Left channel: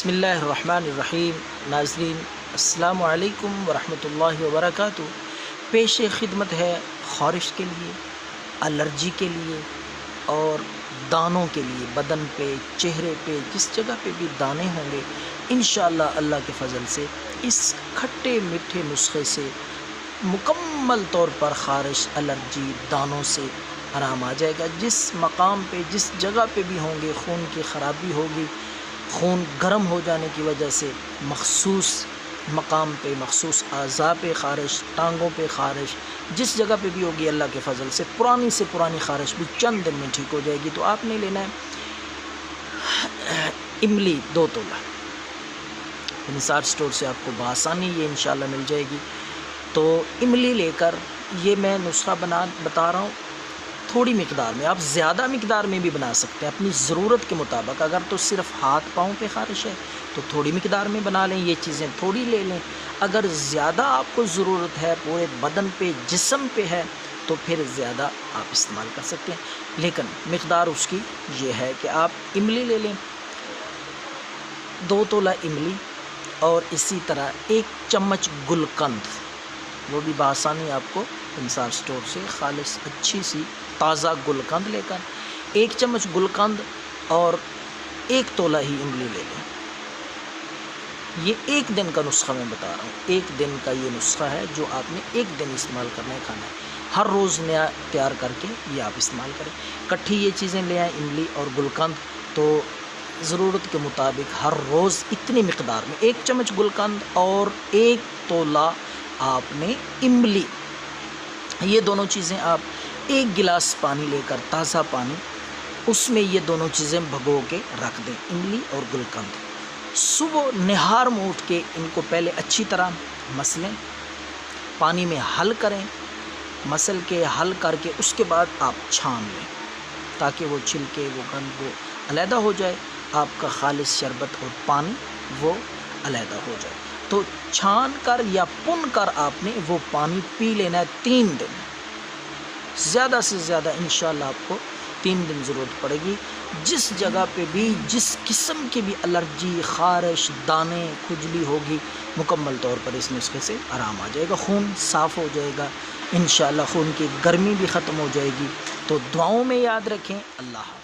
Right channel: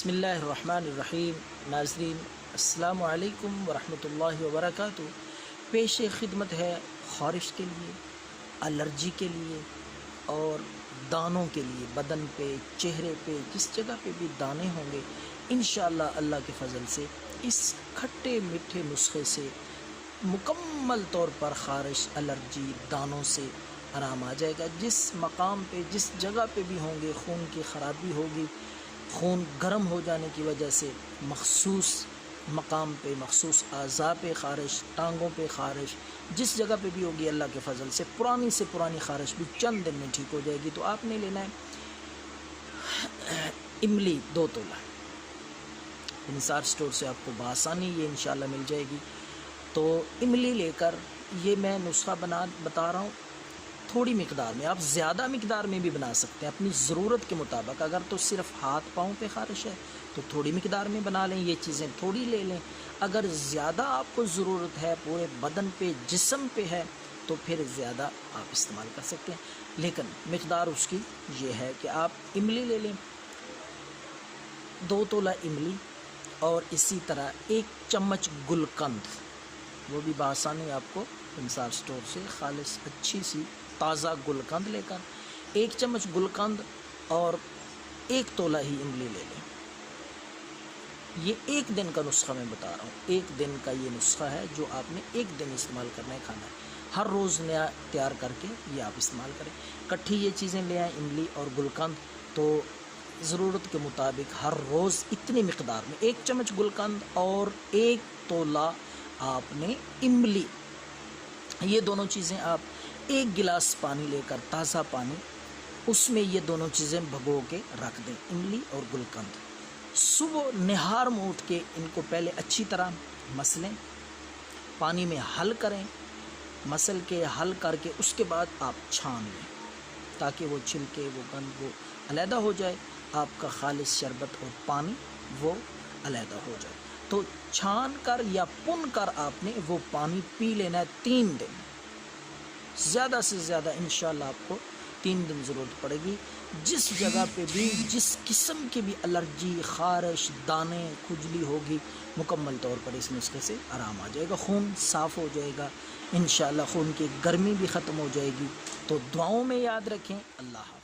بسم اللہ الرحمن الرحیم۔ ناظرین السلام علیکم ورحمۃ اللہ وبرکاتہ۔ پیش خدمت ہے خارش کے لیے، الرجی کے لیے اور دانوں کے لیے، بدن پہ، چہرے پہ، جس جگہ پہ بھی دانے ہوں گے انشاءاللہ اللہ کے فضل سے اس کھٹے میٹھے نسخے سے مکمل طور پر خارش، الرجی، دانوں سے آرام آ جائے گا۔ جس مقام پہ، جس جگہ پہ بھی ہوں گے خون کی خرابی ہوگی، خون گرم ہو جانے کی وجہ سے مخصوص مقام پہ، مخصوص اعضاء پہ خارش، ٹانگوں پہ خارش، جس جگہ پہ بھی ہوگی اللہ کے فضل سے پرانی سے پرانی خارش بھی چند دن میں ٹھیک ہو جائے گی۔ تو آپ نے لینا ہے املی 2 تولہ، نثار سٹور سے آپ کو بآسانی یہ انشاءاللہ مل جائے گی۔ تو املی لے کر یہ میں نسخہ بتا رہا ہوں تھوڑی مقدار میں، آپ زیادہ مقدار میں بھی بنا سکتے ہیں اپنی ضرورت کے مطابق۔ اگر تو صرف ہاتھ پاؤں پہ خارش ہے تو تھوڑی مقدار میں بنا لیں، یہ چیزیں تھوڑی لے لیں۔ اگر زیادہ آپ کو ضرورت ہے، پورے بدن پہ، جسم پہ ہے، تو پھر زیادہ آپ استعمال کر سکتے ہیں، لیکن مقدار اس کی یہ ہے کہ آپ املی لے لیں 2 تولہ املی، اور اسی طرح 1 چمچ گلقند، وہ بھی بآسانی آپ کو نثار سٹور سے خالص اچھی سی تازہ گلقند لے کر 1 چمچ گلقند اور 1 تولہ ہی املی لے لیں۔ یہ 1 دن کا نسخہ میں بتا رہا ہوں، 1 دن کا یہ نسخہ ہے جو آپ نے 1 دن استعمال کرنا ہے، کھانا ہے، ہر روز نیا تیار کر کے یہ آپ استعمال کریں۔ کٹھی یہ چیزیں لے آئیں، املی اور گلقند، تو ضرورت کے مطابق ہر روز اتنی مقدار میں 1 چمچ گلقند اور 1 تولہ آپ نے املی، یہ دونوں چیزیں آپ 1 گلاس پانی لے کر، تازہ پانی، اس میں یہ دونوں چیزیں بھگو کے رکھ دیں، املی اور گلقند۔ صبح نہار میں اٹھ کے ان کو پہلے اچھی طرح مسلیں، پانی میں حل کریں، مسل کے حل کر کے اس کے بعد آپ چھان لیں تاکہ وہ چھلکے، وہ گند، وہ علیحدہ ہو جائے، آپ کا خالص شربت اور پانی وہ علیحدہ ہو جائے۔ تو چھان کر یا پن کر آپ نے وہ پانی پی لینا ہے 3 دن، زیادہ سے زیادہ انشاءاللہ آپ کو 3 دن ضرورت پڑے گی۔ جس جگہ پہ بھی، جس قسم کی بھی الرجی، خارش، دانے، کھجلی ہوگی، مکمل طور پر اس نسخے سے آرام آ جائے گا، خون صاف ہو جائے گا، انشاءاللہ خون کی گرمی بھی ختم ہو جائے گی۔ تو دعاؤں میں یاد رکھیں۔ اللہ حافظ۔